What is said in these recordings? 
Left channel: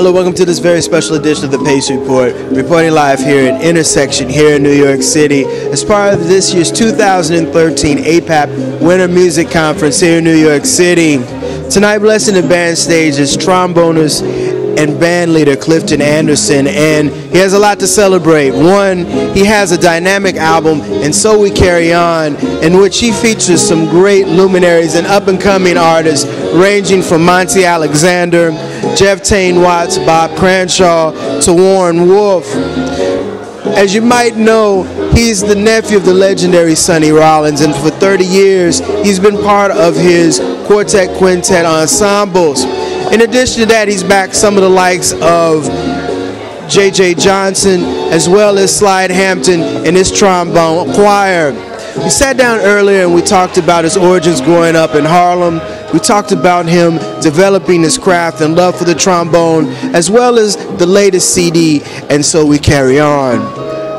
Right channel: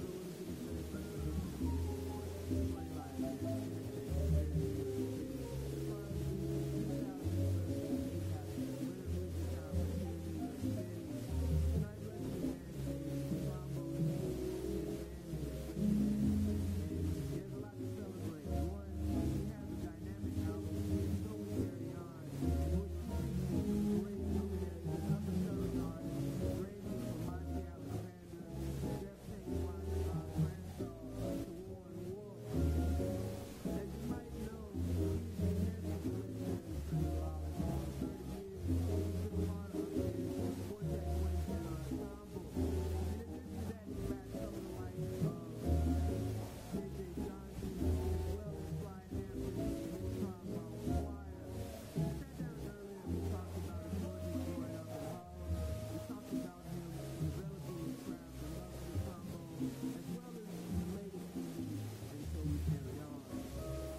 Hello, welcome to this very special edition of the Pace Report, reporting live here at Intersection here in New York City as part of this year's 2013 APAP Winter Music Conference here in New York City. Tonight, blessing the band stage is trombonist and band leader Clifton Anderson, and he has a lot to celebrate. One, he has a dynamic album, And So We Carry On, in which he features some great luminaries and up-and-coming artists ranging from Monty Alexander, Jeff Tain Watts, Bob Cranshaw, to Warren Wolf. As you might know, he's the nephew of the legendary Sonny Rollins, and for 30 years, he's been part of his quartet quintet ensembles. In addition to that, he's backed some of the likes of J.J. Johnson, as well as Slide Hampton and his trombone choir. We sat down earlier and we talked about his origins growing up in Harlem. We talked about him developing his craft and love for the trombone, as well as the latest CD, And So We Carry On.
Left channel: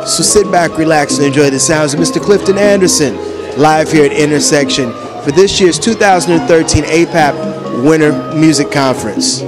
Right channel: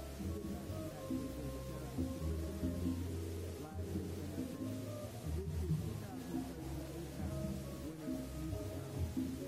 So sit back, relax, and enjoy the sounds of Mr. Clifton Anderson, live here at Intersection for this year's 2013 APAP Winter Music Conference.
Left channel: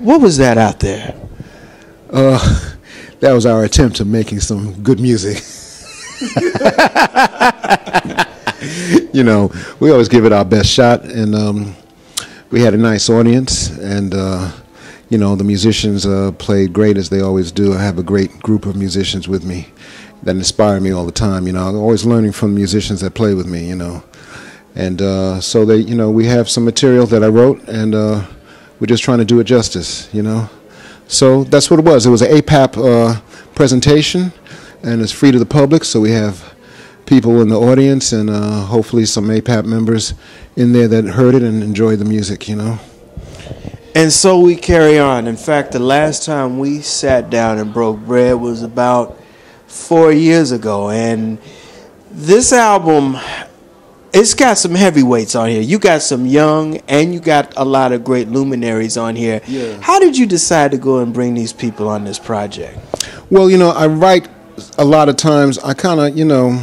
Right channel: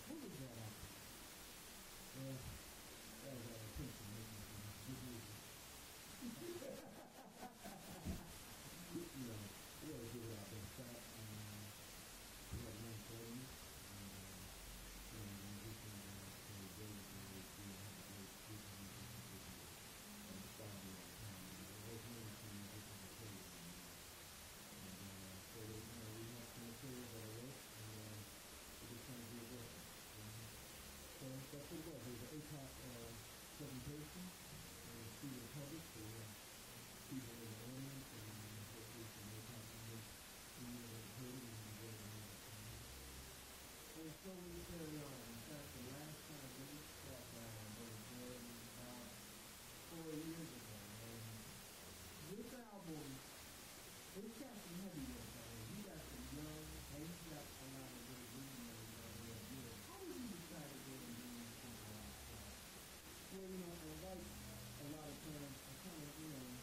What was that out there? That was our attempt at making some good music. You know, we always give it our best shot, and we had a nice audience, and you know, the musicians played great as they always do. I have a great group of musicians with me that inspire me all the time. You know, I'm always learning from musicians that play with me. You know, and so they, you know, we have some material that I wrote, and we're just trying to do it justice. You know, so that's what it was. It was an APAP presentation, and it's free to the public. So we have people in the audience, and hopefully some APAP members in there that heard it and enjoyed the music. You know. And so we carry on. In fact, the last time we sat down and broke bread was about 4 years ago, and this album, it's got some heavyweights on here. You got some young, and you got a lot of great luminaries on here. Yeah. How did you decide to go and bring these people on this project? Well, I write a lot of times. I kind of,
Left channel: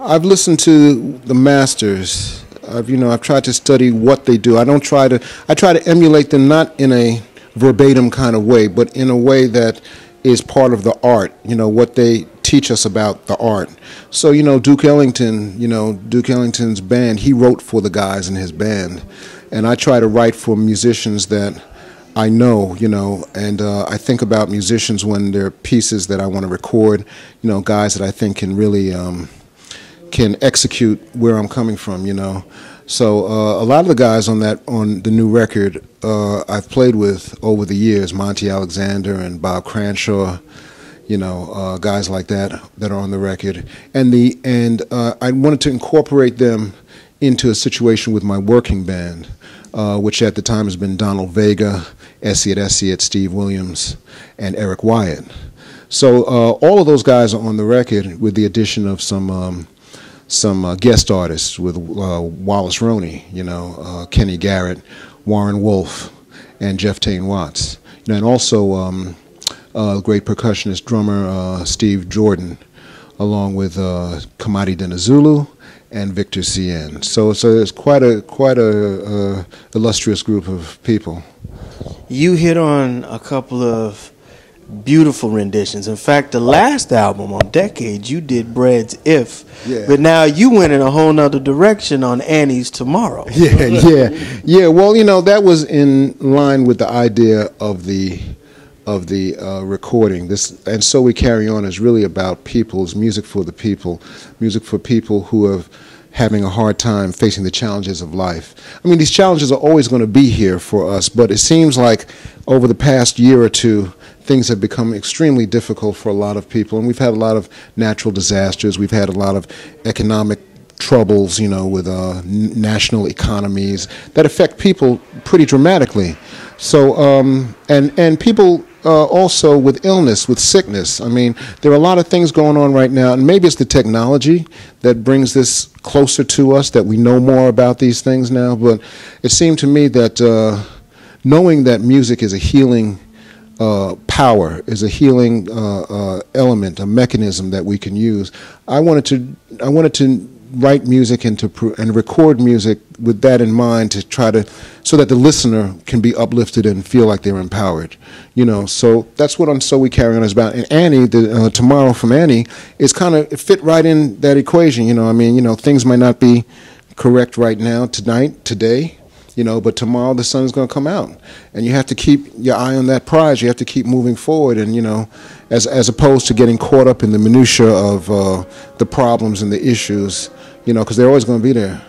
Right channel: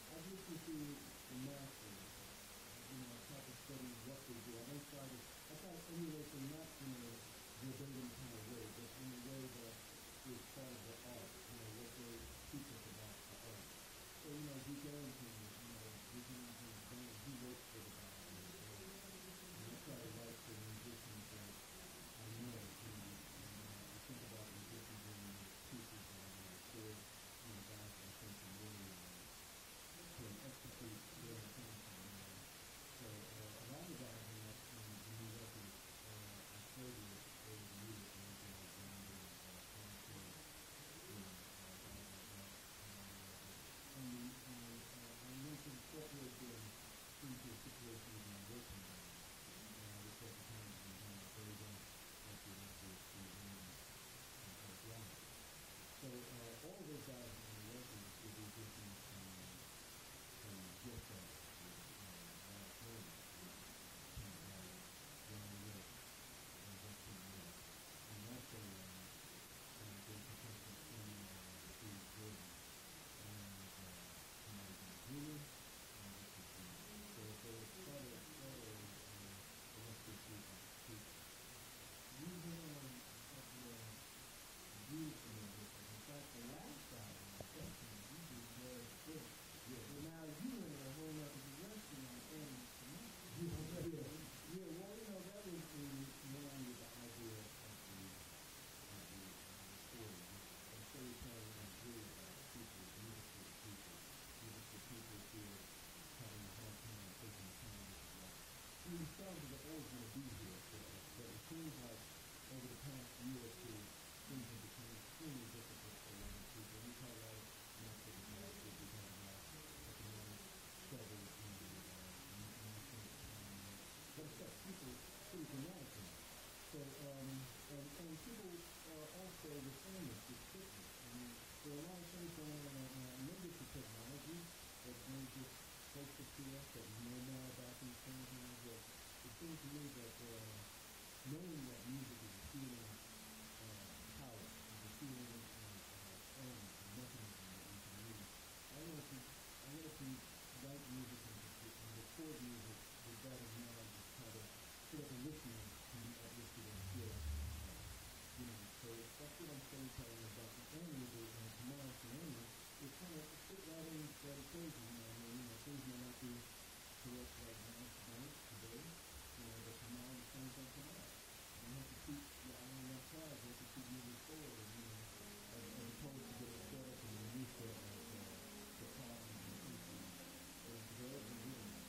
I've listened to the masters. I've tried to study what they do. I try to emulate them, not in a verbatim kind of way, but in a way that is part of the art, what they teach us about the art. So, Duke Ellington's band, he wrote for the guys in his band. And I try to write for musicians that I know, and I think about musicians when they're pieces that I want to record, guys that I think can really can execute where I'm coming from, So a lot of the guys on the new record I've played with over the years, Monty Alexander and Bob Cranshaw, guys like that are on the record, and I wanted to incorporate them into a situation with my working band, which at the time has been Donald Vega, Essie at Steve Williams, and Eric Wyatt. So all of those guys are on the record with the addition of some guest artists with Wallace Roney, Kenny Garrett, Warren Wolf, and Jeff Tain Watts, and also great percussionist drummer Steve Jordan, along with Kamadi Denizulu and Victor Cien. So it's quite a illustrious group of people. You hit on a couple of beautiful renditions. In fact, the last album on Decades, you did Bread's If, but now you went in a whole nother direction on Annie's Tomorrow. Yeah. Well, that was in line with the idea of the recording. And So We Carry On is really about people's music for the people, music for people who are having a hard time facing the challenges of life. I mean, these challenges are always going to be here for us, but it seems like over the past year or two, things have become extremely difficult for a lot of people, and we've had a lot of natural disasters. We've had a lot of economic troubles, with national economies that affect people pretty dramatically. So, and people also with illness, with sickness. I mean, there are a lot of things going on right now, and maybe it's the technology that brings this closer to us, that we know more about these things now. But it seemed to me that knowing that music is a healing power, is a healing element, a mechanism that we can use. I wanted to write music and record music with that in mind, to try to, so that the listener can be uplifted and feel like they're empowered. So that's what So We Carry On is about. And Annie, Tomorrow from Annie, is it fit right in that equation. Things might not be correct right now, today, but tomorrow the sun's going to come out, and you have to keep your eye on that prize. You have to keep moving forward, and as opposed to getting caught up in the minutia of the problems and the issues, because they're always going to be there.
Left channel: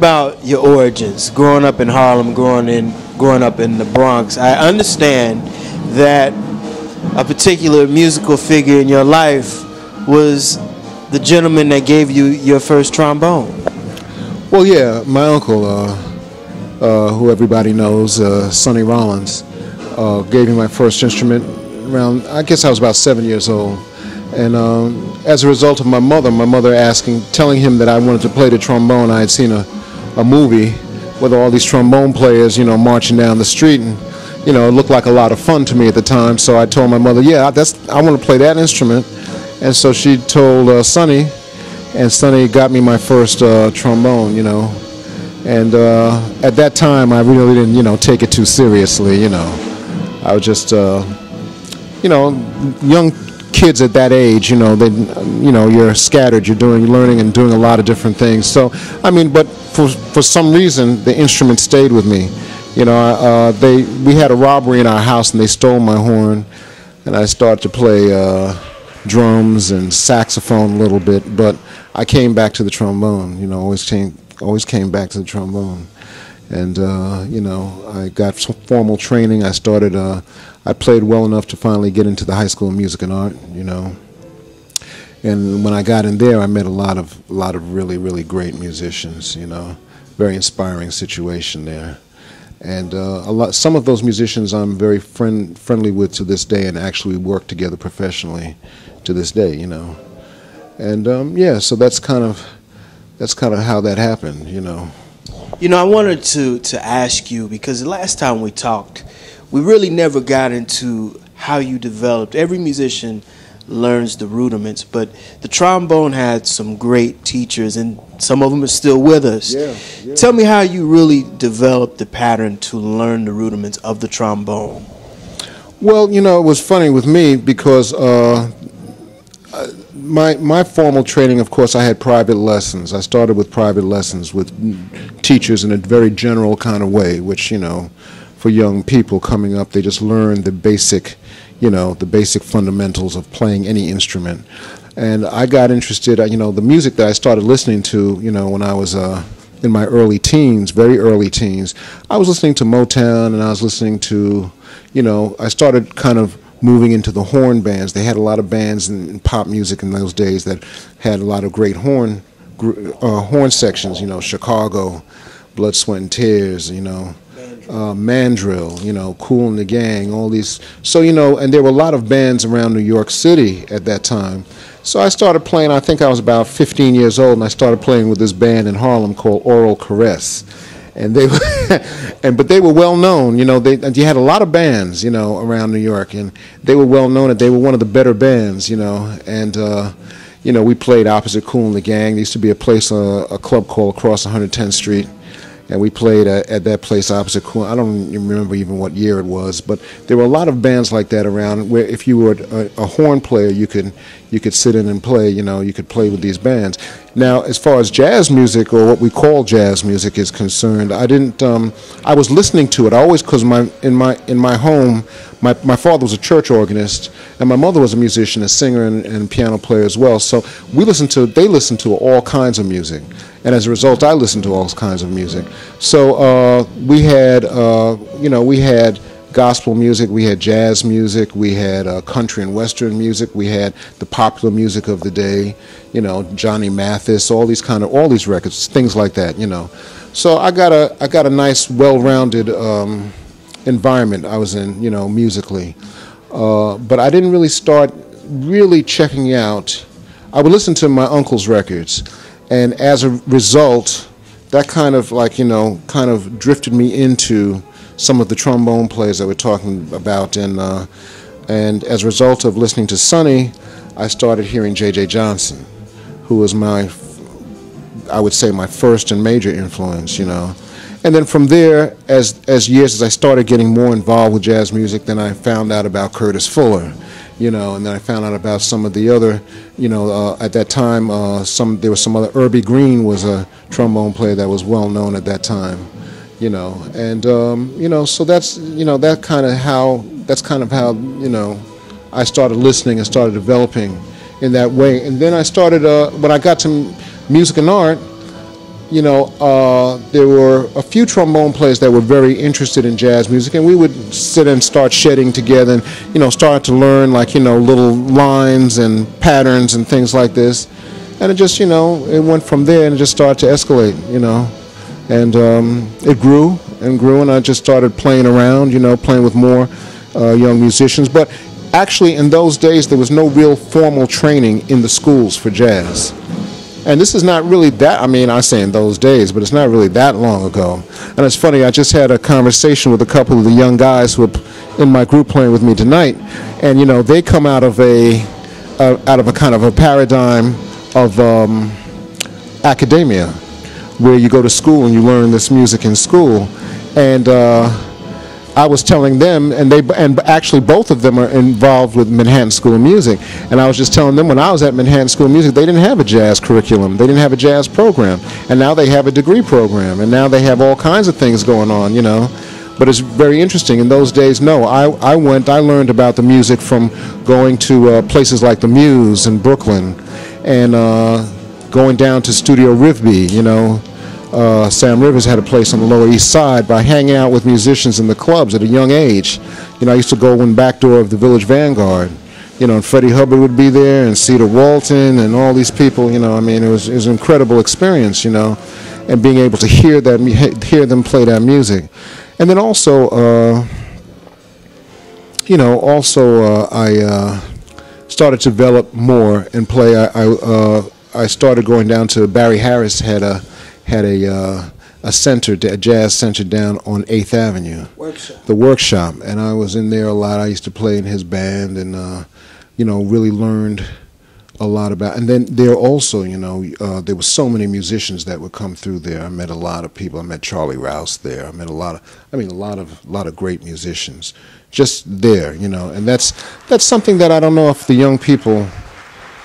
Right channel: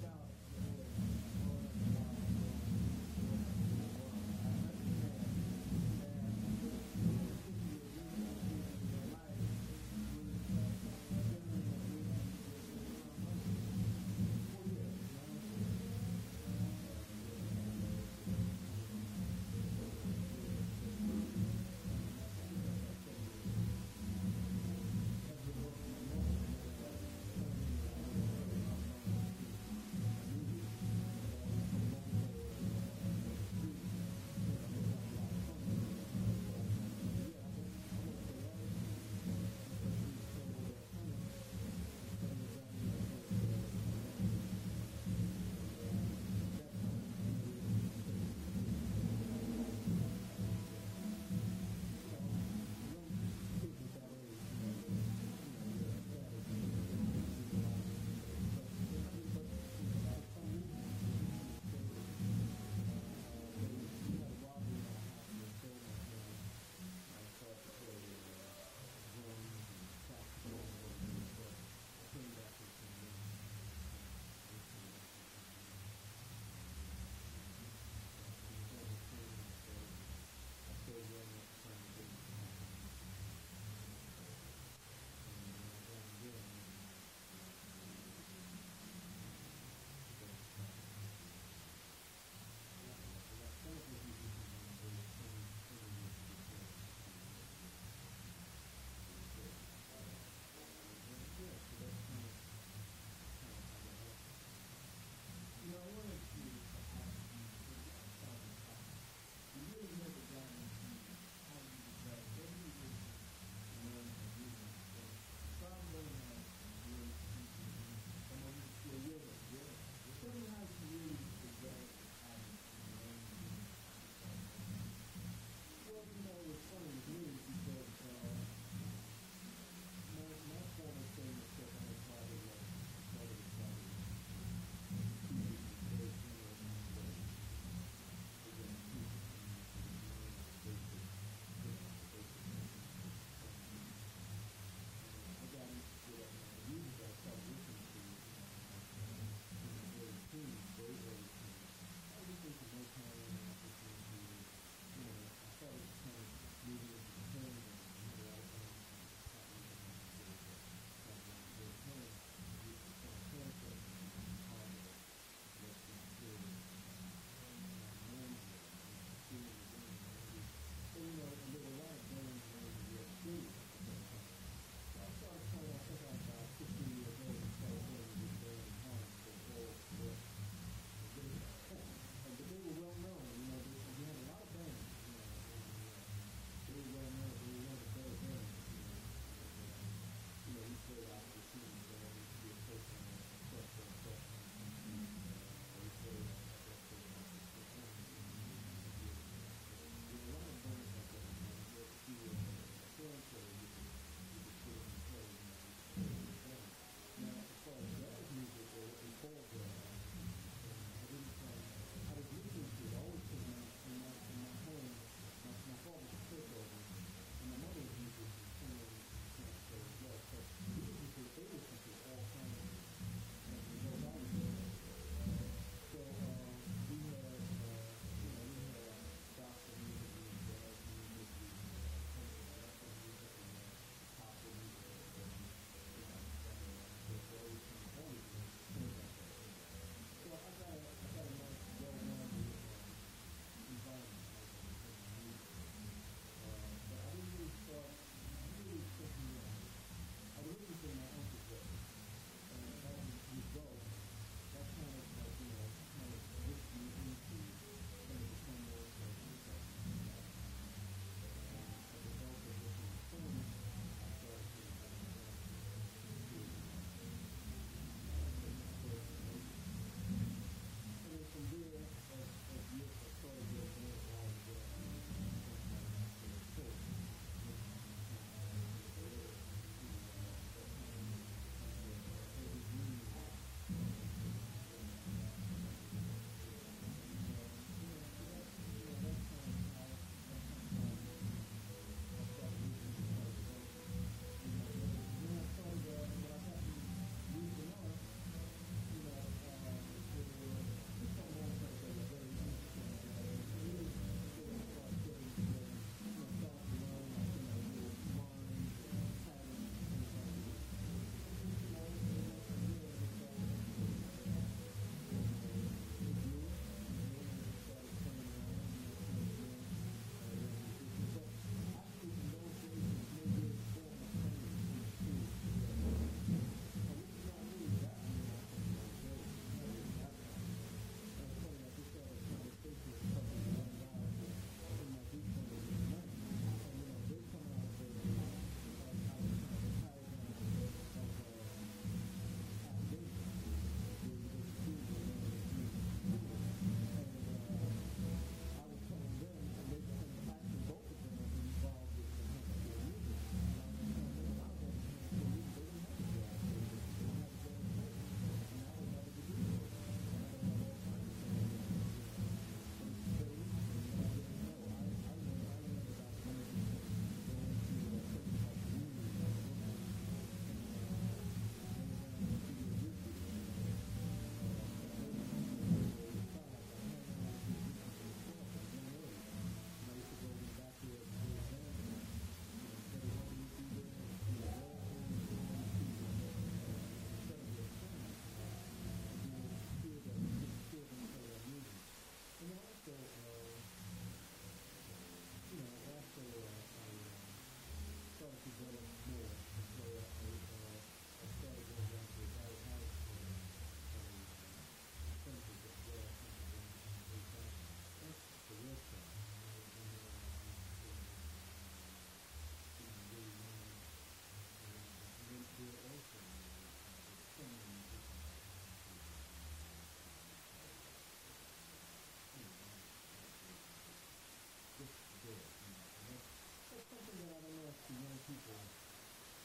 about your origins, growing up in Harlem, growing up in the Bronx. I understand that a particular musical figure in your life was the gentleman that gave you your first trombone. Well, yeah, my uncle, who everybody knows, Sonny Rollins, gave me my first instrument around, I guess I was about 7 years old. And as a result of my mother telling him that I wanted to play the trombone. I had seen a movie with all these trombone players, marching down the street, and it looked like a lot of fun to me at the time. So I told my mother, yeah, I want to play that instrument. And so she told Sonny, and Sonny got me my first trombone, And at that time, I really didn't, take it too seriously, I was just, young kids at that age, you're scattered, you're learning and doing a lot of different things. So, but for some reason, the instrument stayed with me. We had a robbery in our house and they stole my horn, and I started to play drums and saxophone a little bit, but I came back to the trombone, always came back to the trombone. And, I got some formal training. I played well enough to finally get into the High School of Music and Art, And when I got in there, I met a lot of really, really great musicians, Very inspiring situation there. And some of those musicians I'm very friendly with to this day, and actually work together professionally to this day, And so that's kind of how that happened, I wanted to ask you, because the last time we talked, we really never got into how you developed. Every musician learns the rudiments, but the trombone had some great teachers, and some of them are still with us. Yeah. Tell me how you really developed the pattern to learn the rudiments of the trombone. Well, it was funny with me because my formal training, of course, I had private lessons. I started with private lessons with teachers in a very general kind of way, which, for young people coming up, they just learn the basic fundamentals of playing any instrument. And I got interested, the music that I started listening to, when I was in my early teens, very early teens, I was listening to Motown, and I was listening to, I started kind of moving into the horn bands. They had a lot of bands in pop music in those days that had a lot of great horn sections, Chicago, Blood, Sweat, and Tears, Mandrill, Kool and the Gang, all these. So, and there were a lot of bands around New York City at that time. So I started playing, I think I was about 15 years old, and I started playing with this band in Harlem called Oral Caress. And they were, but they were well known, you had a lot of bands, around New York, and they were well known, and they were one of the better bands, and, we played opposite Kool and the Gang. There used to be a club called Across 110th Street. And we played at that place opposite Kool. I don't remember even what year it was, but there were a lot of bands like that around where if you were a horn player, you could sit in and play. You could play with these bands. Now, as far as jazz music, or what we call jazz music, is concerned, I didn't. I was listening to it. I always, because in my home, my father was a church organist, and my mother was a musician, a singer, and piano player as well. So they listened to all kinds of music. And as a result, I listened to all kinds of music. So we had gospel music, we had jazz music, we had country and western music, we had the popular music of the day, Johnny Mathis, all these records, things like that, So I got a nice, well-rounded environment I was in, musically. But I didn't really start checking out. I would listen to my uncle's records. And as a result, that kind of drifted me into some of the trombone players that we're talking about. And as a result of listening to Sonny, I started hearing J.J. Johnson, who was I would say my first and major influence, And then from there, as I started getting more involved with jazz music, then I found out about Curtis Fuller. And then I found out about some of the other, at that time, there was some other, Irby Green was a trombone player that was well known at that time, and, so that's kind of how, I started listening and started developing in that way. And then I started, when I got to music and art, there were a few trombone players that were very interested in jazz music, and we would sit and start shedding together and, start to learn, like, little lines and patterns and things like this. And it just, it went from there and it just started to escalate, And it grew and grew, and I just started playing around, playing with more young musicians. But actually, in those days, there was no real formal training in the schools for jazz. And this is not really that, I say in those days, but it's not really that long ago. And it's funny, I just had a conversation with a couple of the young guys who are in my group playing with me tonight. And, they come out of a kind of a paradigm of academia, where you go to school and you learn this music in school. And I was telling them, and actually both of them are involved with Manhattan School of Music, and I was just telling them, when I was at Manhattan School of Music, they didn't have a jazz curriculum, they didn't have a jazz program, and now they have a degree program, and now they have all kinds of things going on, But it's very interesting. In those days, no, I learned about the music from going to places like the Muse in Brooklyn, and going down to Studio Rivby, Sam Rivers had a place on the Lower East Side, by hanging out with musicians in the clubs at a young age. I used to go in back door of the Village Vanguard, and Freddie Hubbard would be there, and Cedar Walton, and all these people. It was an incredible experience, and being able to hear them play that music. And then also, I started to develop more and play. I started going down to Barry Harris had a center, a jazz center down on 8th Avenue. The Workshop. And I was in there a lot. I used to play in his band and, really learned a lot about. And then there also, there were so many musicians that would come through there. I met a lot of people. I met Charlie Rouse there. I met a lot of great musicians just there, And that's something that I don't know if the young people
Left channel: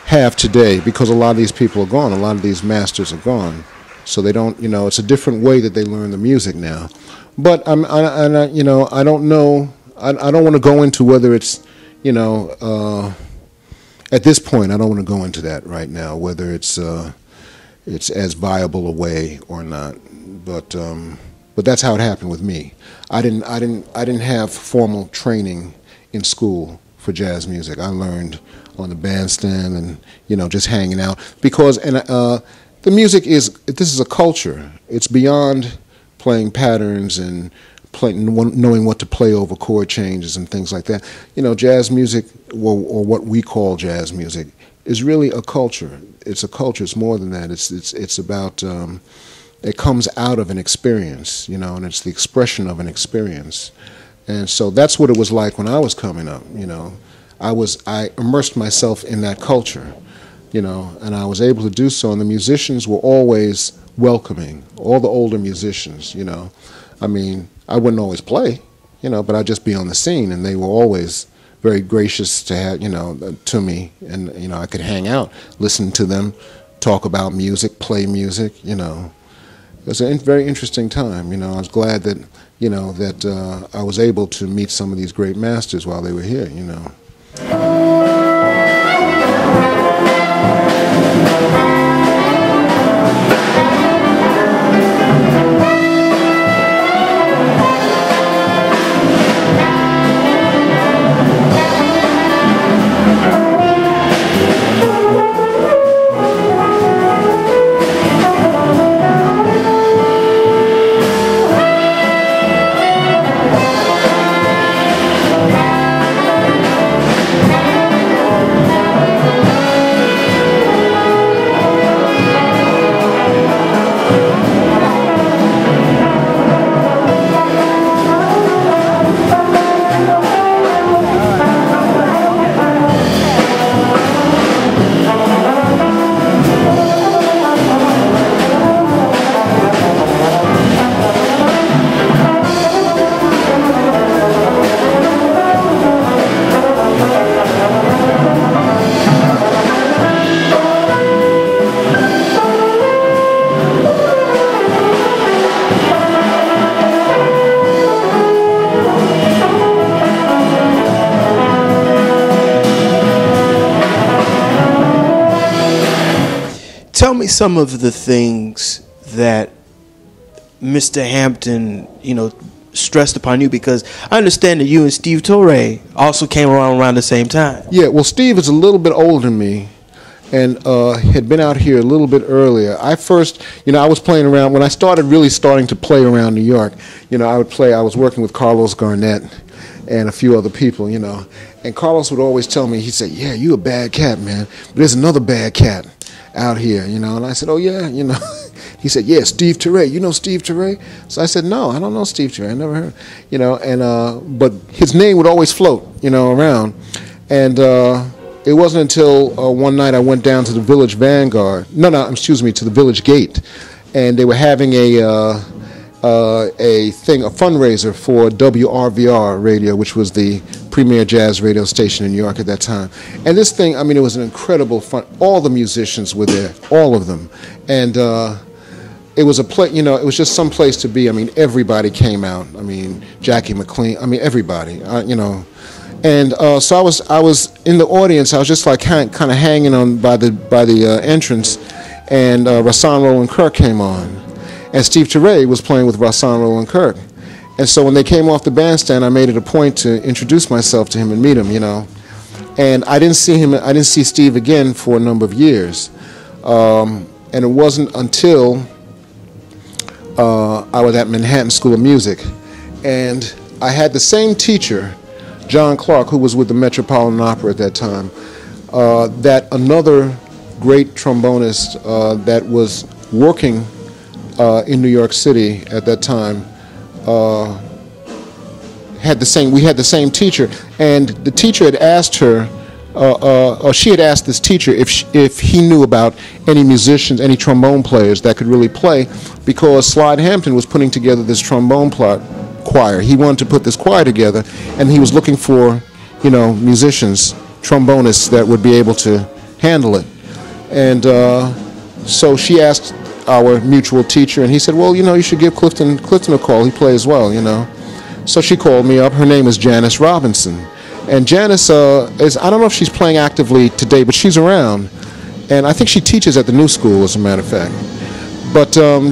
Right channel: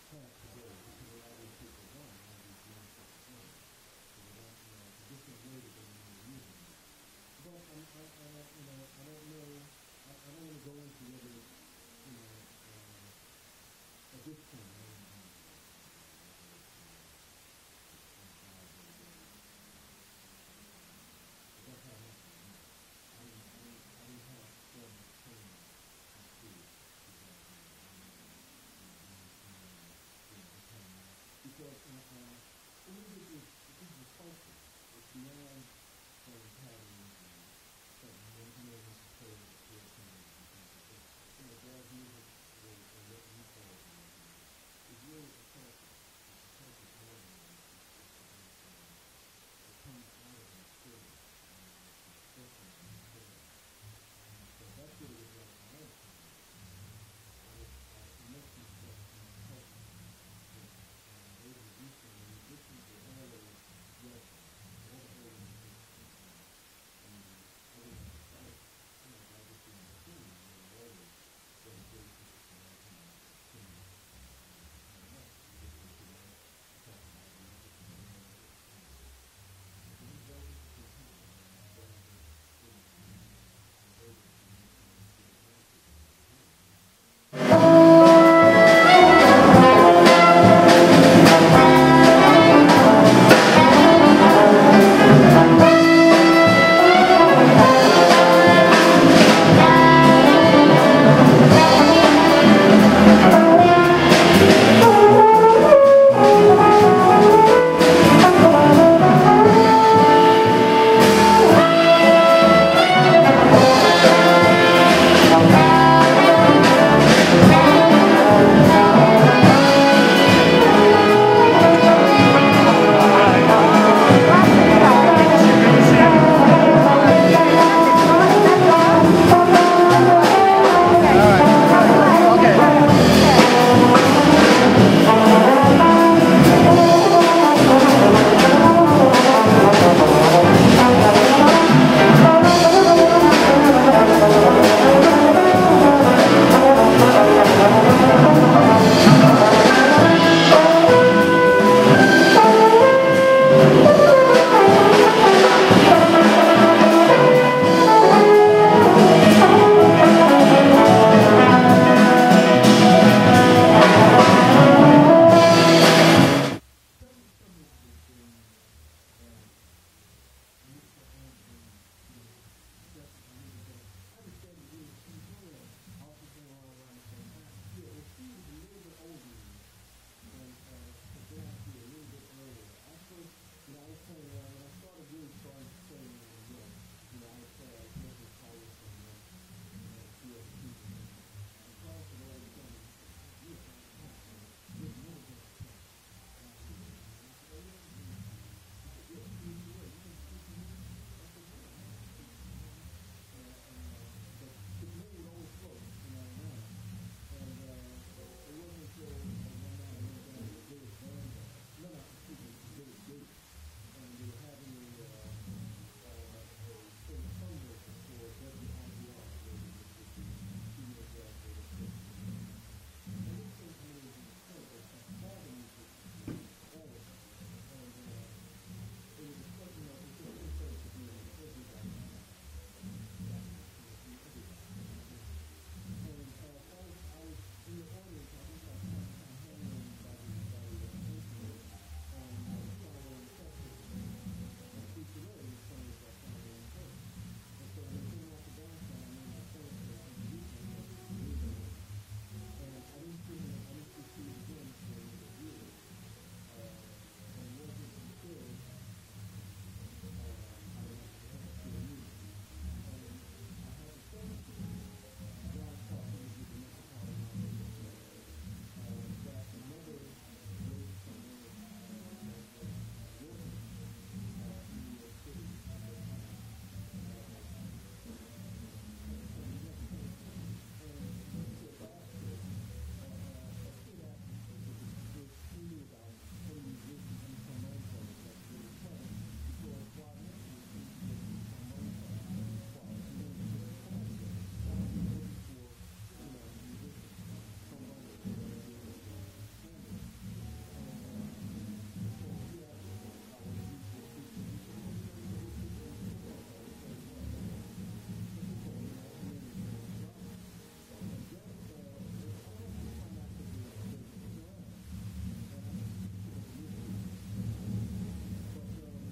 have today, because a lot of these people are gone. A lot of these masters are gone. So they don't, it's a different way that they learn the music now. But I don't know. I don't want to go into whether it's, at this point, I don't want to go into that right now, whether it's as viable a way or not. But that's how it happened with me. I didn't have formal training in school for jazz music. I learned on the bandstand and, just hanging out, because the music this is a culture. It's beyond playing patterns and knowing what to play over chord changes and things like that. Jazz music, or what we call jazz music, is really a culture. It's a culture. It's more than that. It's about, it comes out of an experience, and it's the expression of an experience. And so that's what it was like when I was coming up, I immersed myself in that culture. And I was able to do so, and the musicians were always welcoming, all the older musicians, I wouldn't always play, but I'd just be on the scene, and they were always very gracious to have, to me, and, I could hang out, listen to them, talk about music, play music, It was a very interesting time, I was glad that, that I was able to meet some of these great masters while they were here, Tell me some of the things that Mr. Hampton, stressed upon you? Because I understand that you and Steve Torre also came around the same time. Yeah, well, Steve is a little bit older than me, and had been out here a little bit earlier. I first, I was playing around, when I starting to play around New York, I was working with Carlos Garnett and a few other people, and Carlos would always tell me, he said, yeah, you a bad cat, man, but there's another bad cat out here, and I said, oh yeah, He said, yeah, Steve Torre. You know Steve Torre? So I said, no, I don't know Steve Torre. I never heard, but his name would always float, around. And it wasn't until one night I went down to the Village Vanguard. To the Village Gate. And they were having a fundraiser for WRVR radio, which was the premier jazz radio station in New York at that time. And this thing, it was an incredible fun. All the musicians were there, all of them. And it was it was just some place to be. Everybody came out. Jackie McLean, everybody, And so I was in the audience. I was just like kind of hanging on by the entrance, and Rahsaan Roland Kirk came on, and Steve Torre was playing with Rahsaan Roland Kirk, and so when they came off the bandstand, I made it a point to introduce myself to him and meet him, and I didn't see Steve again for a number of years, and it wasn't until I was at Manhattan School of Music, and I had the same teacher, John Clark, who was with the Metropolitan Opera at that time, that another great trombonist that was working in New York City at that time we had the same teacher, and the teacher had asked her, or she had asked this teacher if he knew about any musicians, any trombone players that could really play, because Slide Hampton was putting together this trombone choir. He wanted to put this choir together, and he was looking for, musicians, trombonists that would be able to handle it. And so she asked our mutual teacher, and he said, well, you should give Clifton a call. He plays well, So she called me up. Her name is Janice Robinson. And Janice I don't know if she's playing actively today, but she's around. And I think she teaches at the New School, as a matter of fact. But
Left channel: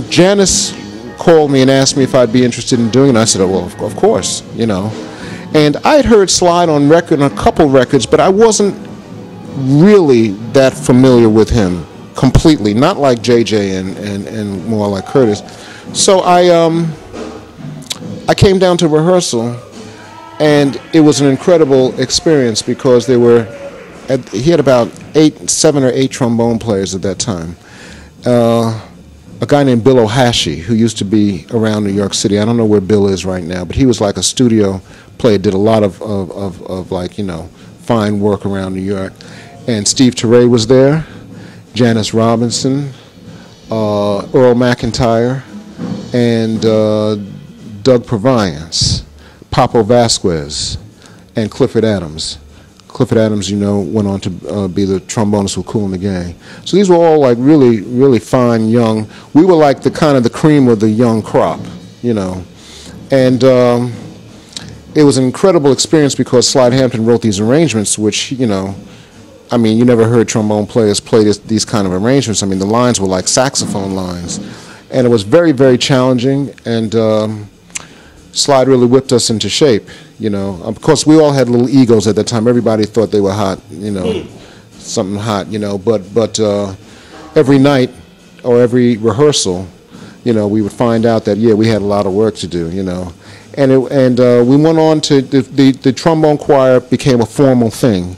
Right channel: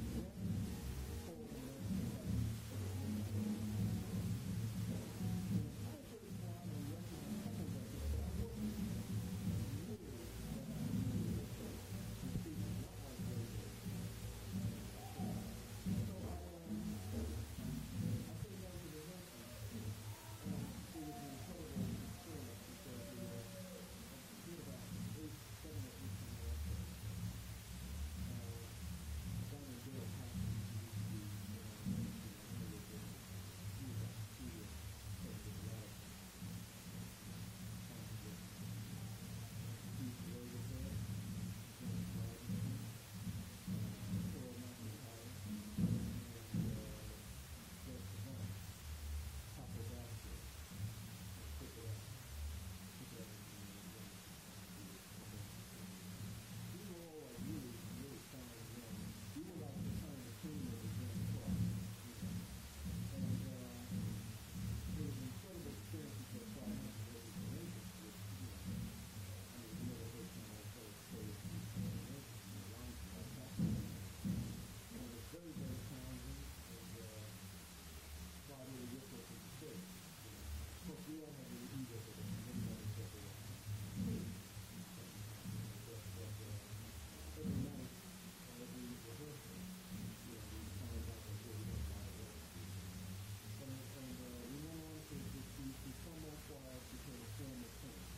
Janice called me and asked me if I'd be interested in doing it. And I said, oh, well, of course, And I had heard Slide on record, on a couple records, but I wasn't really that familiar with him completely, not like JJ and more like Curtis. So I came down to rehearsal, and it was an incredible experience because he had about 7 or 8 trombone players at that time. A guy named Bill O'Hashy, who used to be around New York City. I don't know where Bill is right now, but he was like a studio player, did a lot of fine work around New York. And Steve Torre was there, Janice Robinson, Earl McIntyre, and Doug Proviance, Papo Vasquez, and Clifford Adams. Clifford Adams, went on to be the trombonist with Kool and the Gang. So these were all like really, really fine young. We were like the kind of the cream of the young crop, And it was an incredible experience because Slide Hampton wrote these arrangements, which, you never heard trombone players play these kind of arrangements. The lines were like saxophone lines. And it was very, very challenging, and Slide really whipped us into shape. Of course, we all had little egos at that time. Everybody thought they were hot, something hot, But every night or every rehearsal, we would find out that we had a lot of work to do, And we went on to the trombone choir became a formal thing,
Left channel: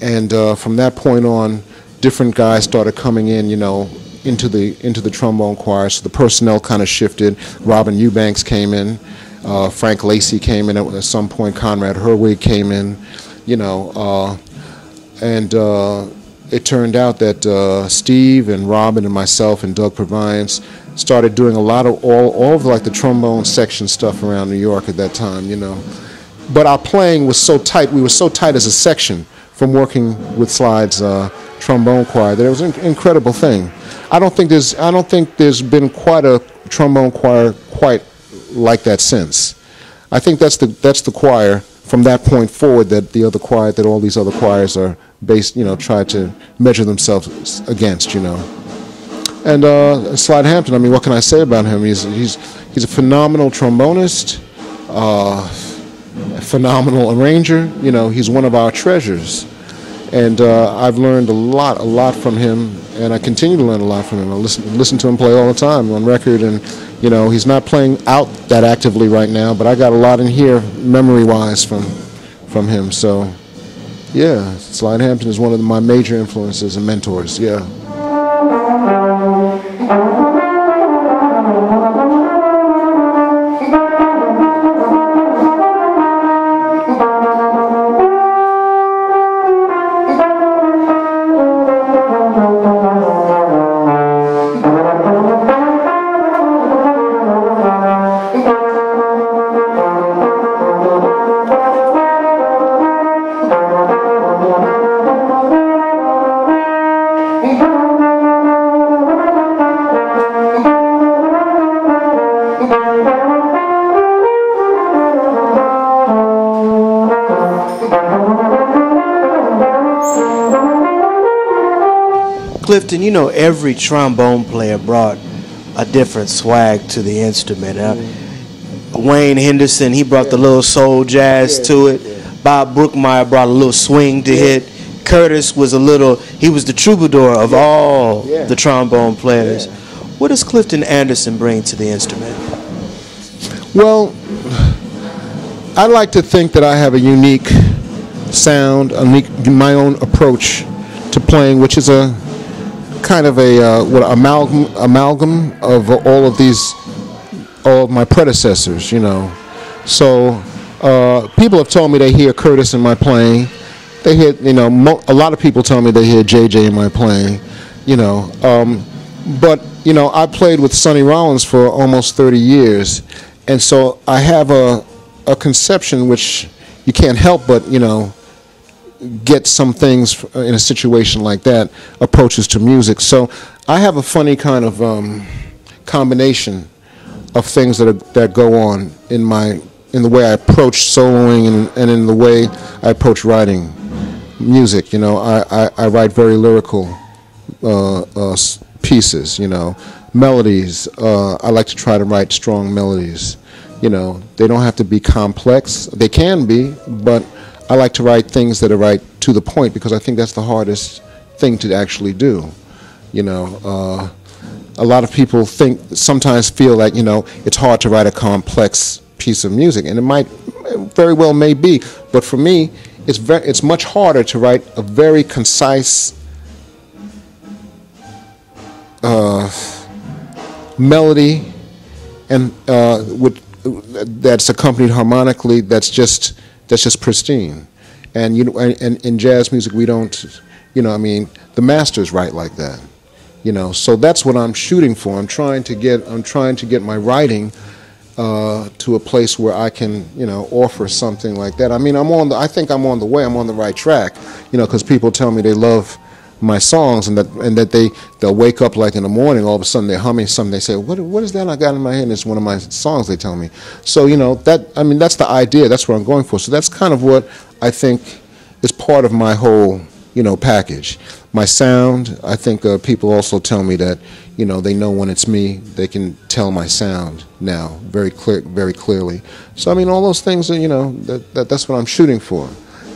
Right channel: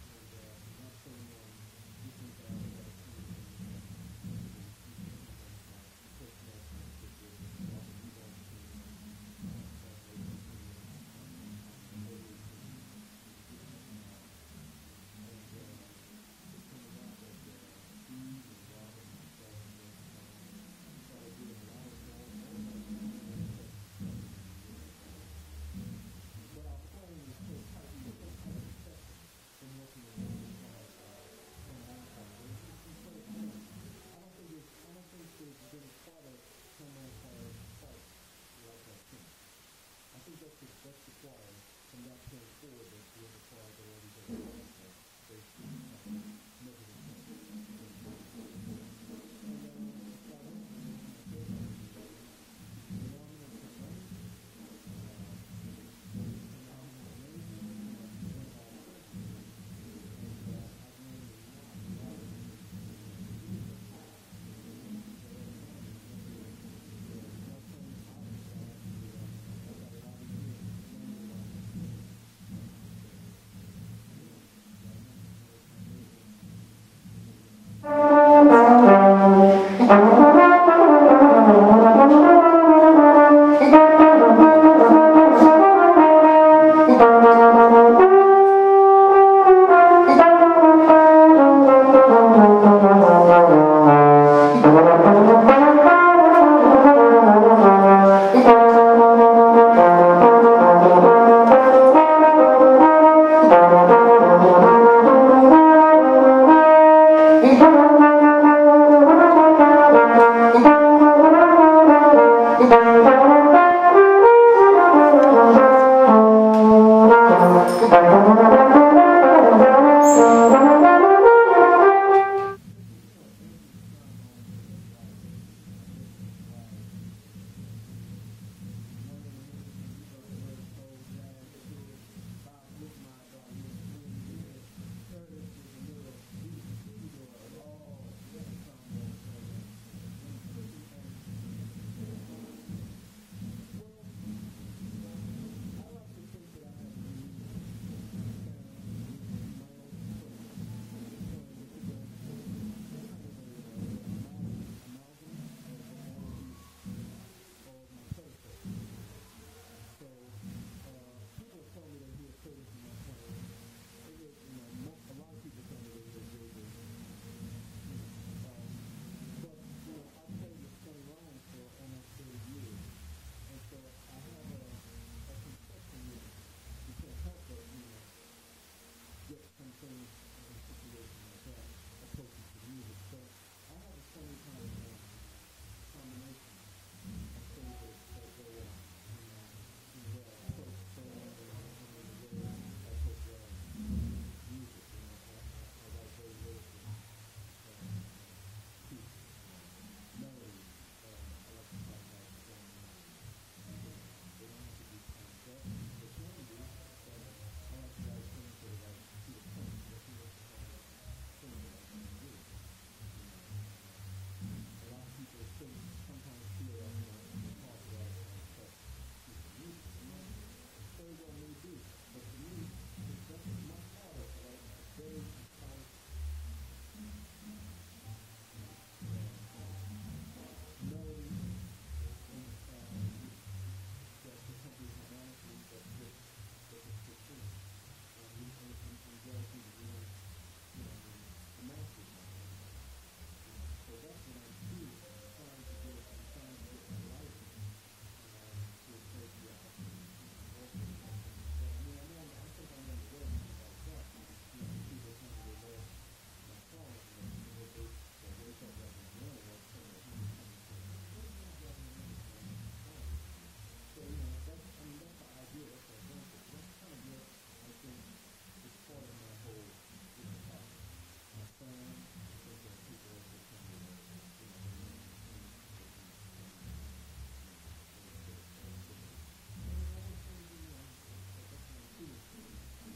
and from that point on, different guys started coming in, into the trombone choir. So the personnel kind of shifted. Robin Eubanks came in. Frank Lacey came in at some point. Conrad Herwig came in, and it turned out that Steve and Robin and myself and Doug Proviance started doing a lot of all of like the trombone section stuff around New York at that time, But our playing was so tight. We were so tight as a section from working with Slide's trombone choir that it was an incredible thing. I don't think there's been quite a trombone choir quite like that since. I think that's the choir from that point forward that all these other choirs are based, try to measure themselves against, And Slide Hampton, I mean, what can I say about him? He's a phenomenal trombonist, a phenomenal arranger. You know, he's one of our treasures. And I've learned a lot from him, and I continue to learn a lot from him. I listen to him play all the time on record, and you know, he's not playing out that actively right now, but I got a lot in here memory-wise from him. So, yeah, Slide Hampton is one of my major influences and mentors. Yeah. Clifton, you know, every trombone player brought a different swag to the instrument. Wayne Henderson, he brought the little soul jazz to it. Bob Brookmeyer brought a little swing to hit. Curtis was he was the troubadour of all the trombone players. What does Clifton Anderson bring to the instrument? Well, I like to think that I have a unique sound, my own approach to playing, which is a kind of a amalgam of all of my predecessors, you know. So people have told me they hear Curtis in my playing. They hear, you know, a lot of people tell me they hear JJ in my playing, you know. But you know, I played with Sonny Rollins for almost 30 years, and so I have a conception which you can't help but, you know, get some things in a situation like that, approaches to music. So I have a funny kind of combination of things that go on in the way I approach soloing and in the way I approach writing music. You know, I write very lyrical pieces, you know, melodies. I like to try to write strong melodies. You know, they don't have to be complex. They can be, but I like to write things that are right to the point, because I think that's the hardest thing to actually do. You know, a lot of people sometimes feel like, you know, it's hard to write a complex piece of music, and it very well may be, but for me, it's much harder to write a very concise melody, and that's accompanied harmonically. That's just pristine. And you know, and in jazz music we don't, you know, I mean, the masters write like that, you know. So that's what I'm shooting for. I'm trying to get my writing to a place where I can, you know, offer something like that. I mean, I think I'm on the way. I'm on the right track, you know, because people tell me they love my songs, and that they'll wake up like in the morning, all of a sudden they're humming something. They say, what is that I got in my head? And it's one of my songs, they tell me. So, you know, I mean, that's the idea. That's what I'm going for. So that's kind of what I think is part of my whole, you know, package. My sound, I think people also tell me that, you know, they know when it's me. They can tell my sound now very clearly. So, I mean, all those things are, you know, that's what I'm shooting for.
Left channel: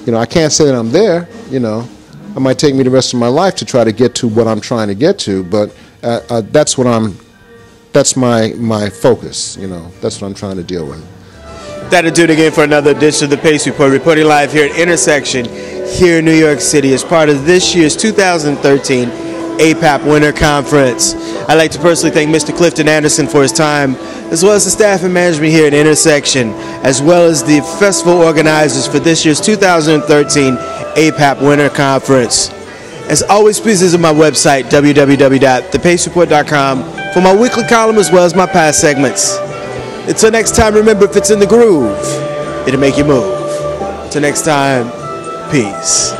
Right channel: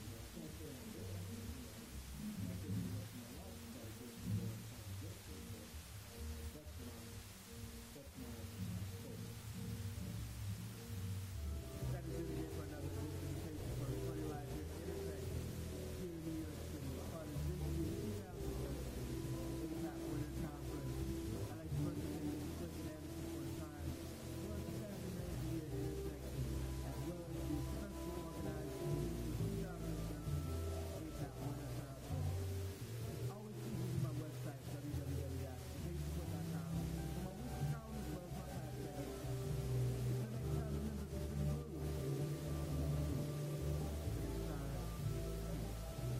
You know, I can't say that I'm there, you know. It might take me the rest of my life to try to get to what I'm trying to get to, but that's my focus, you know. That's what I'm trying to deal with. That'll do it again for another edition of the Pace Report, reporting live here at Intersection here in New York City as part of this year's 2013 APAP Winter Conference. I'd like to personally thank Mr. Clifton Anderson for his time, as well as the staff and management here at Intersection, as well as the festival organizers for this year's 2013 APAP Winter Conference. As always, please visit my website, www.thepacereport.com, for my weekly column as well as my past segments. Until next time, remember, if it's in the groove, it'll make you move. Till next time, peace.